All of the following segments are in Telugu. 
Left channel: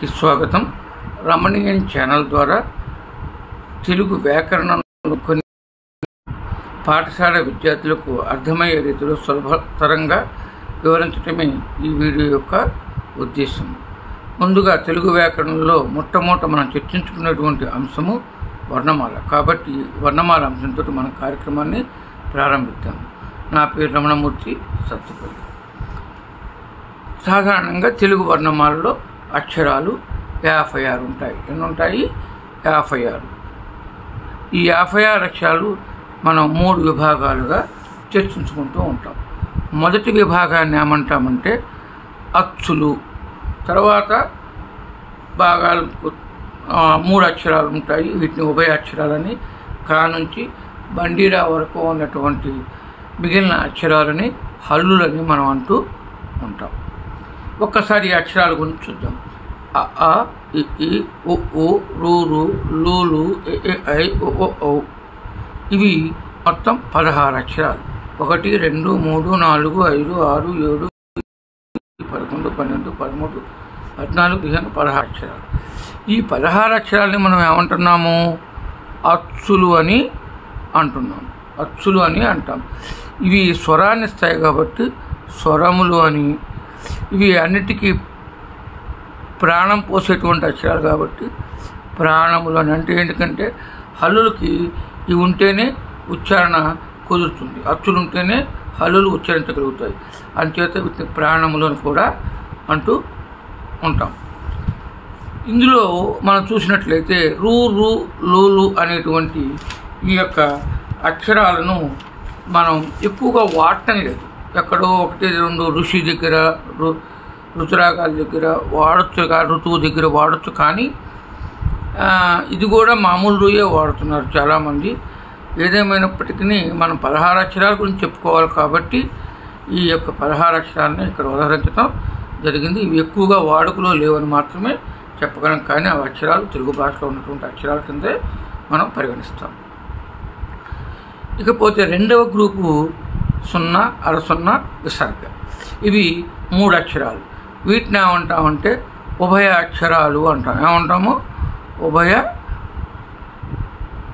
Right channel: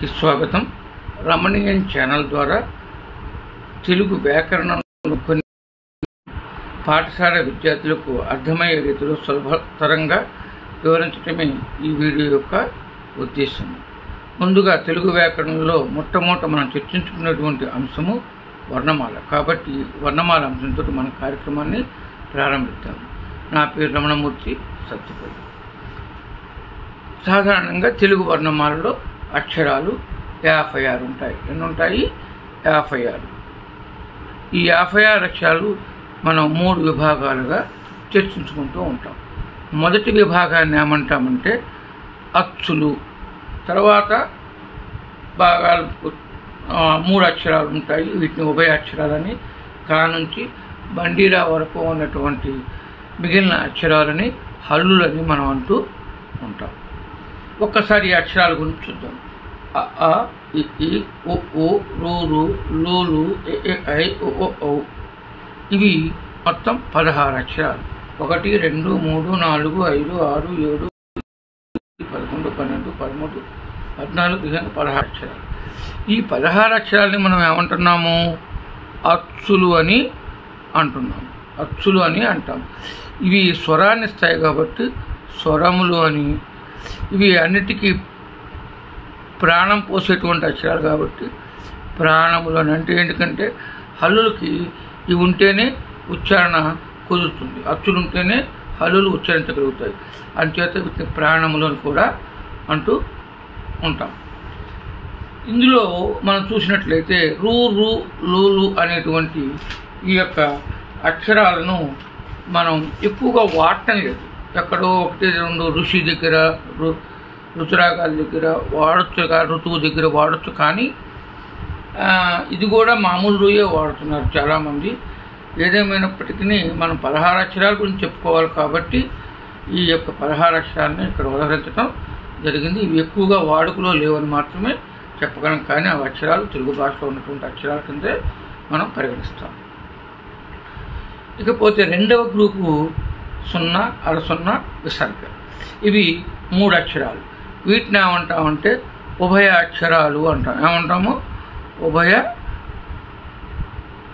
అందరికీ స్వాగతం. రమణీయం ఛానల్ ద్వారా తెలుగు వ్యాకరణం కొన్ని పాఠశాల విద్యార్థులకు అర్థమయ్యే రీతిలో సులభతరంగా వివరించడమే ఈ వీడియో యొక్క ఉద్దేశం. ముందుగా తెలుగు వ్యాకరణంలో మొట్టమొదట మనం చర్చించుకున్నటువంటి అంశము వర్ణమాల. కాబట్టి వర్ణమాల అంశంతో మన కార్యక్రమాన్ని ప్రారంభిద్దాము. నా పేరు రమణమూర్తి సత్తుపల్లి. సాధారణంగా తెలుగు వర్ణమాలలో అక్షరాలు 56 ఉంటాయి. ఎన్ని ఉంటాయి? 56. ఈ 56 అక్షరాలు మనం 3 విభాగాలుగా చర్చించుకుంటూ ఉంటాం. మొదటి విభాగాన్ని ఏమంటామంటే అచ్చులు. తర్వాత భాగాలు 3 అక్షరాలు ఉంటాయి. వీటిని ఉభయ అక్షరాలని, కా నుంచి బండిరా వరకు ఉన్నటువంటి మిగిలిన అక్షరాలని హల్లులని మనం అంటూ ఉంటాం. ఒక్కసారి ఈ అక్షరాల గురించి చూద్దాం. అ, ఆ, ఇ, ఈ, ఉ, ఊ, రు, రు, లు, లు, ఎ, ఏ, ఐ, ఓ, ఓ, ఔ. ఇవి మొత్తం 16 అక్షరాలు. 1, 2, 3, 4, 5, 6, 7, 11, 12, 13, 14, 15, 16 అక్షరాలు. ఈ 16 అక్షరాలని మనం ఏమంటున్నాము? అచ్చులు అని అంటున్నాము. అచ్చులు అని అంటాం. ఇవి స్వరాన్ని ఇస్తాయి కాబట్టి స్వరములు అని. ఇవి అన్నిటికీ ప్రాణం పోసేటువంటి అక్షరాలు కాబట్టి ప్రాణములు అని. అంటే ఎందుకంటే హల్లులకి ఇవి ఉంటేనే ఉచ్చారణ కుదురుతుంది. అచ్చులు ఉంటేనే హల్లులు ఉచ్చరించగలుగుతాయి. అంచేత వీటిని ప్రాణములు అని కూడా అంటూ ఉంటాం. ఇందులో మనం చూసినట్లయితే రు, రు, లు, లు అనేటువంటి ఈ యొక్క అక్షరాలను మనం ఎక్కువగా వాడటం లేదు. ఎక్కడో 1, 2 ఋషి దగ్గర, ఋతురాగాల దగ్గర వాడచ్చు, ఋతువు దగ్గర వాడచ్చు. కానీ ఇది కూడా మామూలు రూయే వాడుతున్నారు చాలామంది. ఏదేమైనప్పటికీ మనం 16 అక్షరాల గురించి చెప్పుకోవాలి కాబట్టి ఈ యొక్క 16 అక్షరాలను ఇక్కడ ఉదహరించడం జరిగింది. ఇవి ఎక్కువగా వాడుకలో లేవని మాత్రమే చెప్పగలం. కానీ ఆ అక్షరాలు తెలుగు భాషలో ఉన్నటువంటి అక్షరాల కిందే మనం పరిగణిస్తాం. ఇకపోతే రెండవ గ్రూపు 0, అర 0, విసర్గ. ఇవి 3 అక్షరాలు. వీటిని ఏమంటామంటే ఉభయ అక్షరాలు అంటాం. ఏమంటాము?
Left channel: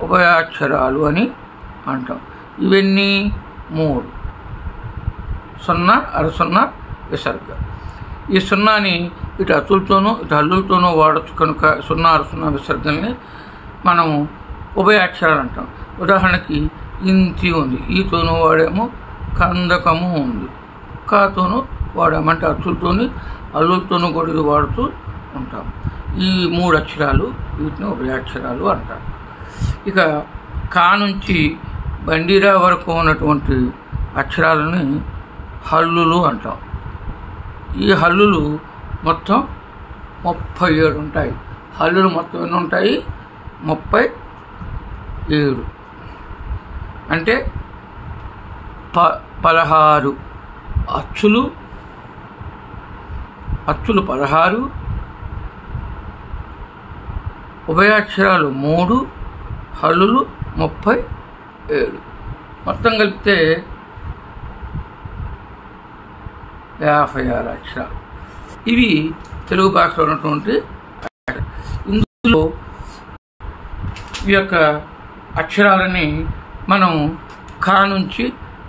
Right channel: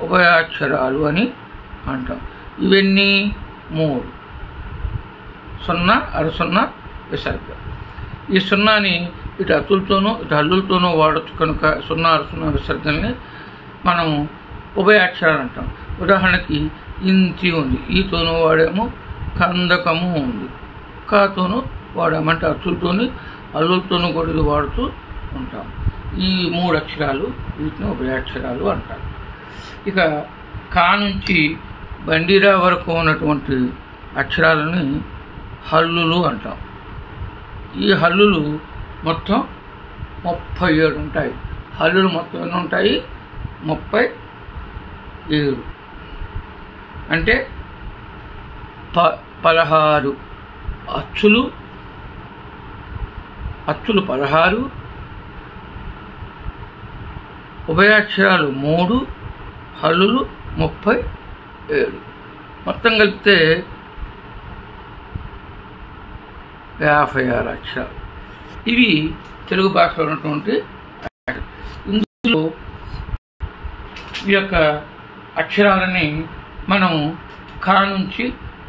ఉభయ అక్షరాలు అని అంటాం. ఇవన్నీ 3: 0, అర 0, విసర్గ. ఈ 0ని ఇటు అచ్చులతోనూ ఇటు హల్లులతోనూ వాడచ్చు కనుక 0, అర 0 విసర్గల్ని మనం ఉభయ అక్షరాలు అంటాం. ఉదాహరణకి ఇంతి ఉంది, ఈతోనూ వాడేమో. కందకము ఉంది, కాతోనూ వాడామంటే అచ్చులతోని హల్లులతోనూ కూడా ఇది వాడుతూ ఉంటాం. ఈ 3 అక్షరాలు వీటిని ఉభయాక్షరాలు అంటారు. ఇక కా నుంచి బండిరా వరకు ఉన్నటువంటి అక్షరాలని హల్లులు అంటాం. ఈ హల్లులు మొత్తం 37 ఉంటాయి. హల్లులు మొత్తం ఎన్ని ఉంటాయి? 37. అంటే 16 అచ్చులు 16, ఉభయాక్షరాలు 3, హల్లులు 37. మొత్తం కలిపితే 56 అక్షరాలు. ఇవి తెలుగు భాషలో ఉన్నటువంటి. ఇందులో ఈ యొక్క అక్షరాలని మనం కా నుంచి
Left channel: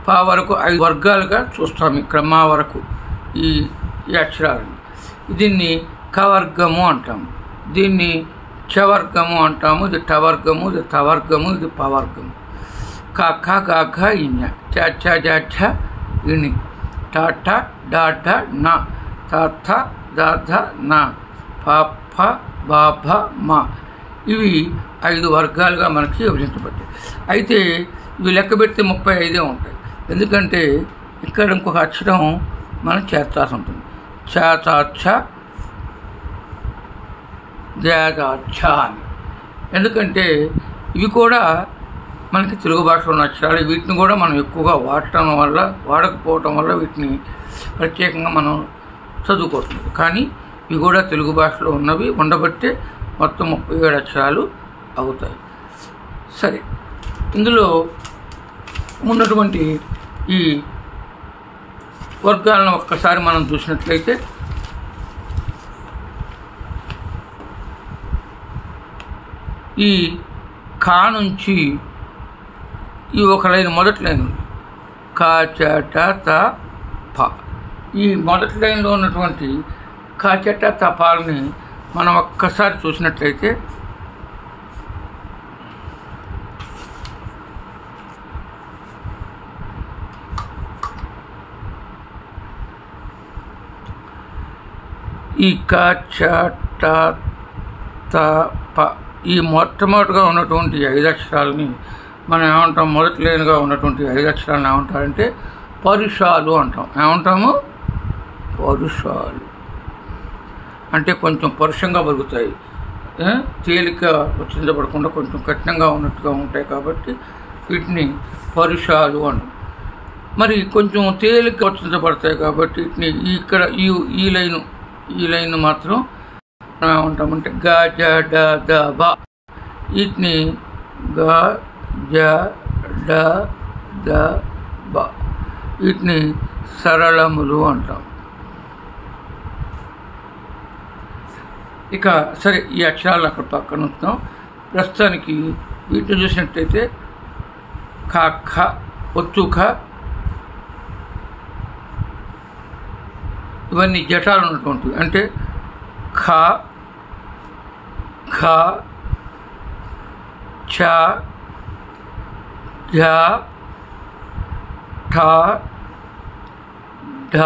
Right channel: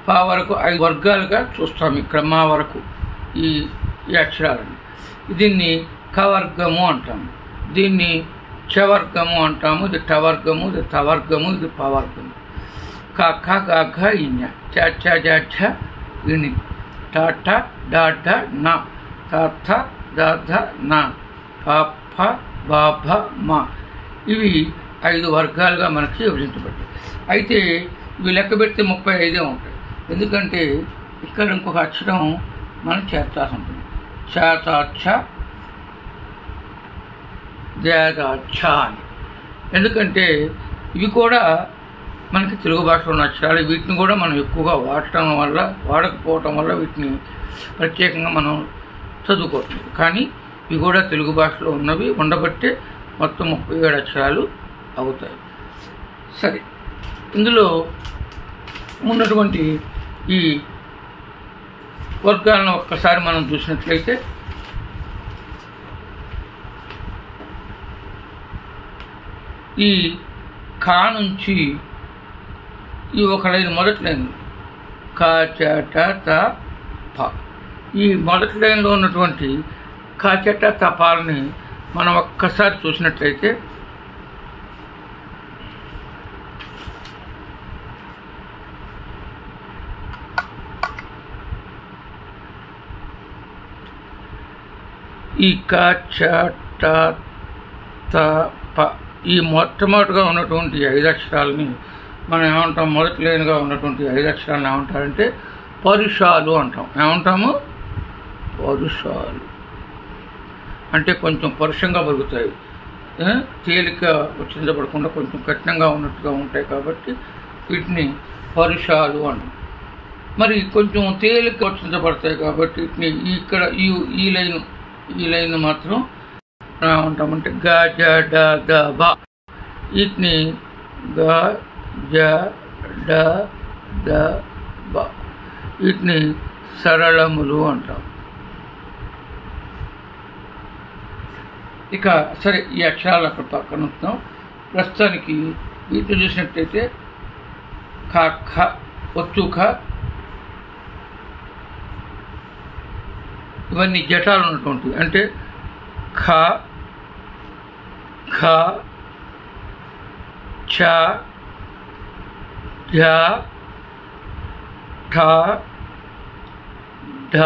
పా వరకు 5 వర్గాలుగా చూస్తాం. ఇక్కడ మా వరకు ఈ అక్షరాలని. దీన్ని కవర్గము అంటాము, దీన్ని చవర్గము అంటాము, ఇది టవర్గము, ఇది తవర్గము, ఇది పవర్గము. క, ఖ, గ, ఘ, ఇ, చ, ఛ, జ, ఝ, ఇణి, ట, ఠ, డ, ఢ, న, త, థ, ద, ధ, న, ప, ఫ, బ, భ, మ. ఇవి 5 వర్గాలుగా మనకి విభజించబడ్డాయి. అయితే ఇవి లెక్క పెడితే 35 ఉంటాయి. ఎందుకంటే ఇక్కడ ఇంకొక అక్షరం మనం చేర్చాల్సి ఉంటుంది. చ, త, ఛ, ద, ఛ అని. ఎందుకంటే ఇవి కూడా మనకి తెలుగు భాషలో ఉన్న అక్షరాలు. వీటిని కూడా మనం ఎక్కువగా వాడకపోవటం వల్ల వీటిని ప్రత్యేకంగా మనం చదువుకోవట్లేదు. కానీ ఇవి కూడా తెలుగు భాషలో ఉన్నవి ఉండబట్టే మొత్తం 37 అక్షరాలు అవుతాయి. సరే, ఇందులో ఉన్నటువంటి ఈ వర్గాలను ఒక్కసారి మనం చూసినట్లయితే ఈ కా నుంచి ఈ ఒక లైన్ మొదటి లైన్ కా చ ట త ప, ఈ మొదటి లైన్లో ఉన్నటువంటి కా చ ట త పాలని మనం ఒక్కసారి చూసినట్లయితే ఈ క చ ట త ప ఈ మొట్టమొదటిగా ఉన్నటువంటి 5 అక్షరాలని మనం ఏమంటాం, మొదటి లైన్గా ఉన్నటువంటి 5 అక్షరాలను ఏమంటారంటే పరుషాలు అంటాం. ఏమంటాము? పరుషాలు. అంటే కొంచెం పరుషంగా పలుకుతాయి, తేలిక ఉచ్చరించబడకుండా కొంచెం కఠినంగా ఉన్నట్టుగా ఉంటాయి కాబట్టి వీటిని పరుషాలు అంటాం. మరి కొంచెం తేలిక ఉచ్చరించబడతాయి కాబట్టి వీటిని ఇక్కడ ఈ లైన్ మాత్రం ఏమంటామంటే గ జ డ ద బ, వీటిని గ జ డ ద బ, వీటిని సరళములు అంటాం. ఇక సరే, ఈ అక్షరాలు అక్కడ పక్కన ఉంచుతాం. ప్రస్తుతానికి వీటిని చూసినట్టయితే క ఖ ఒత్తు ఖ, ఇవన్నీ జటాలు ఉన్నటువంటివి. అంటే ఖ ఖ ఛ ఝ ఠ ఢ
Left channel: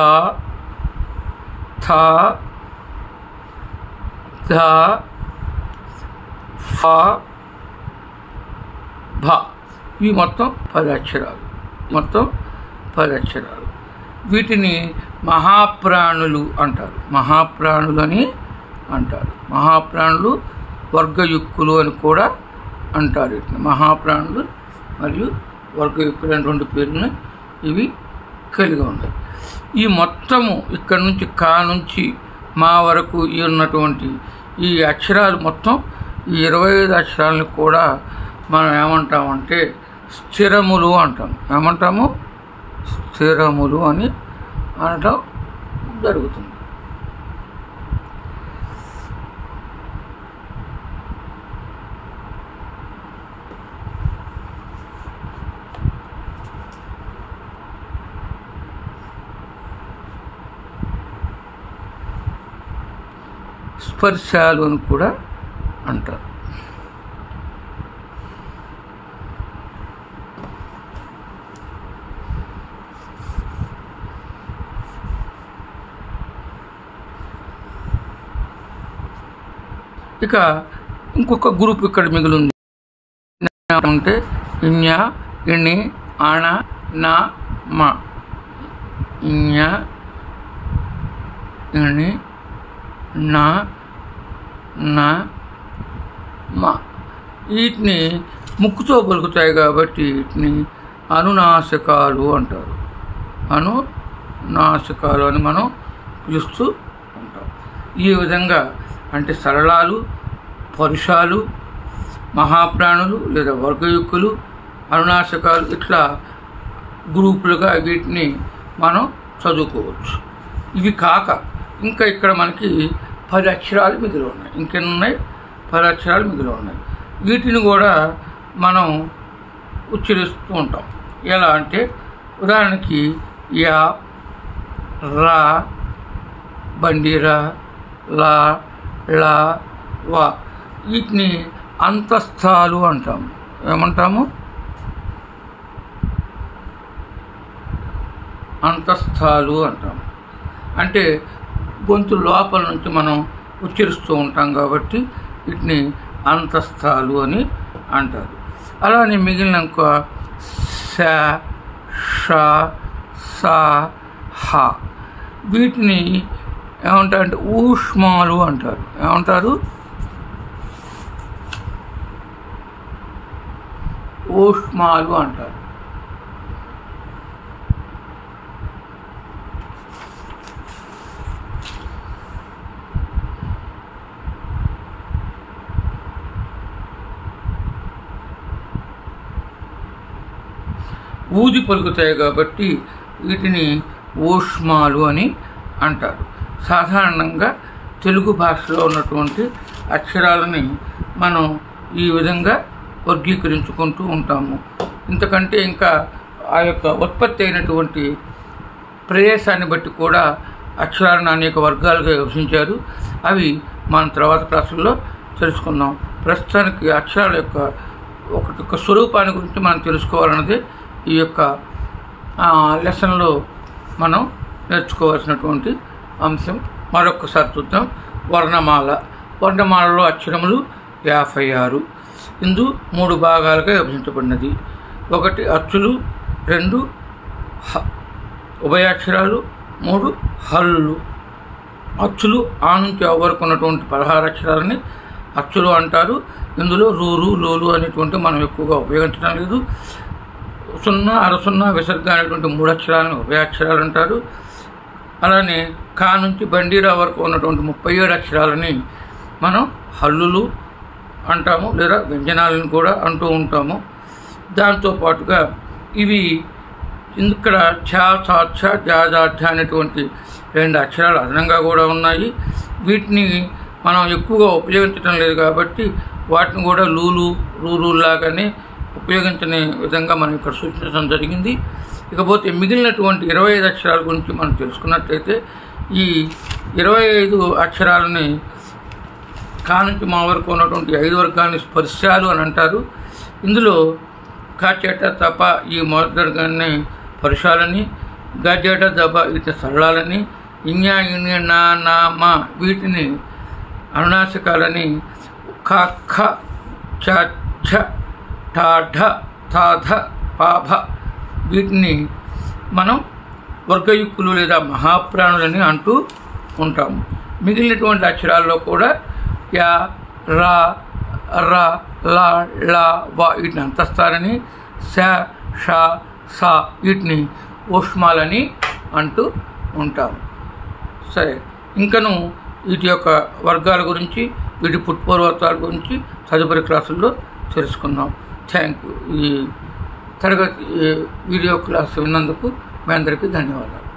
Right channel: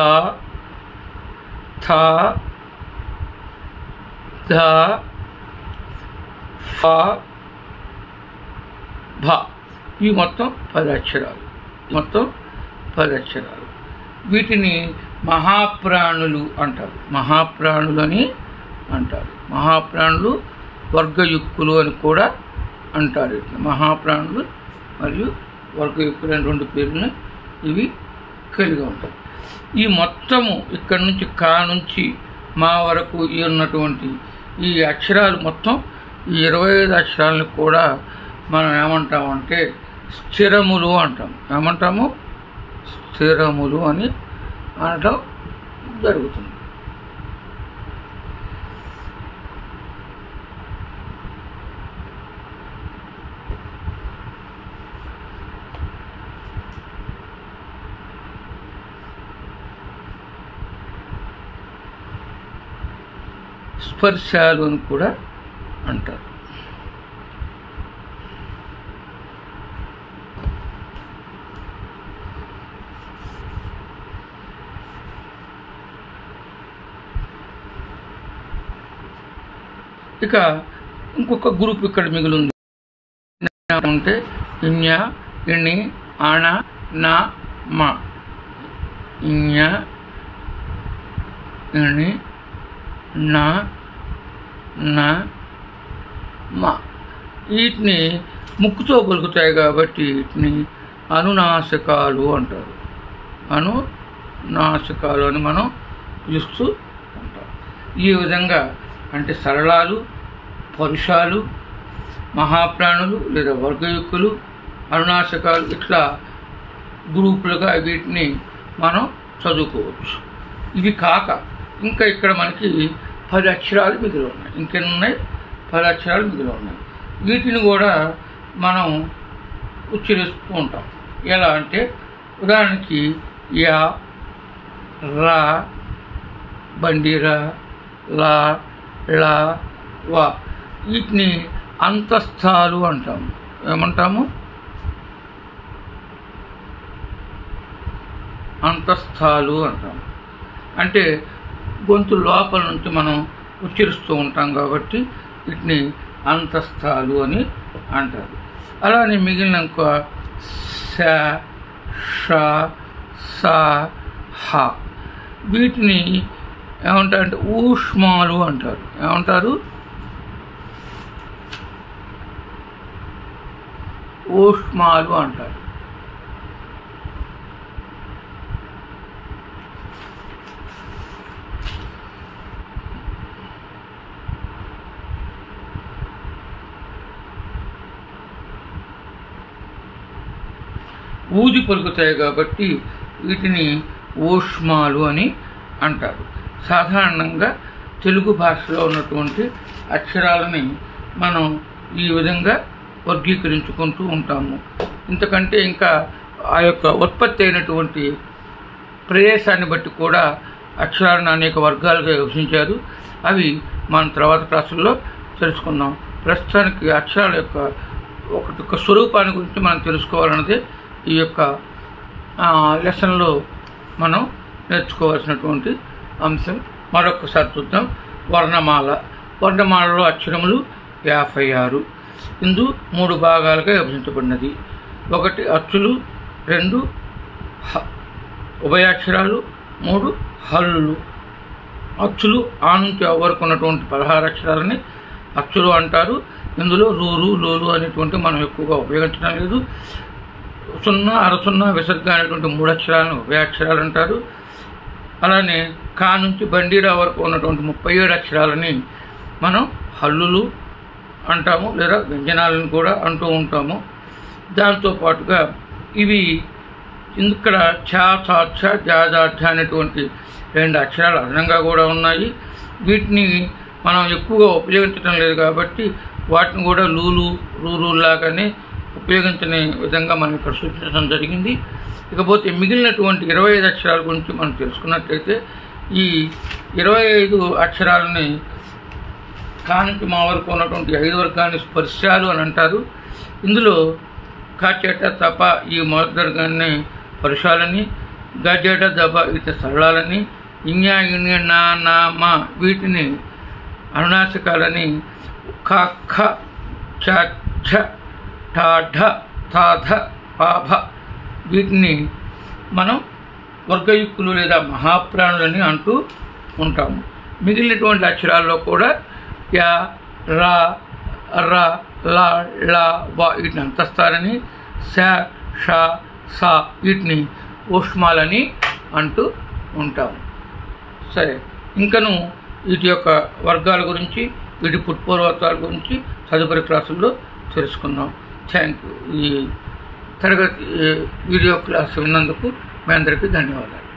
థ ధ ఫ భ, ఇవి మొత్తం 10 అక్షరాలు. వీటిని మహాప్రాణులు అంటారు. మహాప్రాణులు అని అంటారు. మహాప్రాణులు, వర్గయుక్కులు అని కూడా అంటారు. మహాప్రాణులు మరియు వర్గయుక్కులు అని 2 పేర్లను ఇవి కలిగి ఉంటాయి. ఈ మొత్తము ఇక్కడ నుంచి కా నుంచి మా వరకు ఉన్నటువంటి ఈ అక్షరాలు మొత్తం ఈ 25 అక్షరాలను కూడా మనం ఏమంటామంటే స్థిరములు అంటాం. ఏమంటాము? స్థిరములు అని అనటం జరుగుతుంది. స్పర్శాలు అని కూడా అంటారు. ఇక ఇంకొక గ్రూప్ ఇక్కడ మిగిలింది. అంటే ఇన్య, ఇణి, ఆణ, నా, మా. ఇన్య, ఇణి, నా, మా. వీటిని ముక్కుతో పలుకుతాయి కాబట్టి వీటిని అనునాసికాలు అంటారు. అనునాసికాలు అని మనం పిలుస్తూ ఉంటాం. ఈ విధంగా అంటే సరళాలు, పరుషాలు, మహాప్రాణులు లేదా వర్గయుక్కులు, అనునాసికాలు, ఇట్లా గ్రూపులుగా వీటిని మనం చదువుకోవచ్చు. ఇవి కాక ఇంకా ఇక్కడ మనకి 10 అక్షరాలు మిగిలి ఉన్నాయి. ఇంకెన్ని ఉన్నాయి? 10 అక్షరాలు మిగిలి ఉన్నాయి. వీటిని కూడా మనం ఉచ్చరిస్తూ ఉంటాం. ఎలా అంటే ఉదాహరణకి యా, రా, బండిరా, లా, లా, వా, వీటిని అంతస్థాలు అంటాము. ఏమంటాము? అంతస్థాలు అంటాము. అంటే గొంతు లోపల నుంచి మనం ఉచ్చరిస్తూ ఉంటాం కాబట్టి వీటిని అంతస్థాలు అని అంటారు. అలానే మిగిలిన ఇంకో స, ష, స, హ, వీటిని ఏమంటారంటే ఊష్మాలు అంటారు. ఏమంటారు? ఊష్మాలు అంటారు. ఊది పలుకుతాయి కాబట్టి వీటిని ఊష్మాలు అని అంటారు. సాధారణంగా తెలుగు భాషలో ఉన్నటువంటి అక్షరాలని మనం ఈ విధంగా వర్గీకరించుకుంటూ ఉంటాము. ఇంతకంటే ఇంకా ఆ యొక్క ఉత్పత్తి అయినటువంటి ప్రదేశాన్ని బట్టి కూడా అక్షరాలను అనేక వర్గాలుగా విభజించారు. అవి మనం తర్వాత క్లాసుల్లో తెలుసుకుందాం. ప్రస్తుతానికి అక్షరాల యొక్క ఒక స్వరూపాన్ని గురించి మనం తెలుసుకోవాలన్నదే ఈ యొక్క లెసన్లో మనం నేర్చుకోవాల్సినటువంటి అంశం. మరొకసారి చూద్దాం. వర్ణమాలలో అక్షరములు 56. ఇందు 3 భాగాలుగా విభజించబడినది. 1 అచ్చులు, 2 ఉభయాక్షరాలు, 3 హల్లులు. అచ్చులు ఆ నుంచి ఆ వరకు ఉన్నటువంటి 16 అక్షరాలని అచ్చులు అంటారు. ఇందులో రూరు, లోలు అనేటువంటి మనం ఎక్కువగా ఉపయోగించడం లేదు. 0, అరసున్న, విసర్గ అనేటువంటి 3 అక్షరాలను ఉభయాక్షరాలు అంటారు. అలానే కా నుంచి బండీరా వరకు ఉన్నటువంటి 37 అక్షరాలని మనం హల్లులు అంటాము, లేదా వ్యంజనాలను కూడా అంటూ ఉంటాము. దాంతోపాటుగా ఇవి ఇక్కడ ఛ, ఛ, ఛ, జ, జ, ఝ అనేటువంటి 2 అక్షరాలు అదనంగా కూడా ఉన్నాయి. వీటిని మనం ఎక్కువగా ఉపయోగించడం లేదు కాబట్టి వాటిని కూడా లూలు, రూరులాగానే ఉపయోగించని విధంగా మనం ఇక్కడ సూచించడం జరిగింది. ఇకపోతే మిగిలినటువంటి 25 అక్షరాల గురించి మనం తెలుసుకున్నట్లయితే ఈ 25 అక్షరాలని కా నుంచి మా వరకు ఉన్నటువంటి 5 వర్గాన్ని స్పర్శాలు అని అంటారు. ఇందులో కాచేట, తప ఈ మొదటి వర్గాన్ని పరుషాలని, గజేట, దబ వీటిని సరళాలని, ఇన్యా, ఇన్య, నా, నా, మా వీటిని అనునాసికాలని, ఖ, ఖ, ఛ, ఛ, ఠ, ఢ, థ, ధ, ప, భ వీటిని మనం వర్గయుక్కులు లేదా మహాప్రాణులని అంటూ ఉంటాము. మిగిలినటువంటి అక్షరాల్లో కూడా యా, రా, ర, ల, ళ, వ వీటిని అంతస్తారని, శ, ష, స వీటిని ఊష్మాలని అంటూ ఉంటాము. సరే, ఇంకను వీటి యొక్క వర్గాల గురించి, వీటి పుట్పూర్వతాల గురించి తదుపరి క్లాసుల్లో తెలుసుకుందాం. Thank you. ఈ తరగతి వీడియో క్లాస్ విన్నందుకు మీ అందరికీ ధన్యవాదాలు.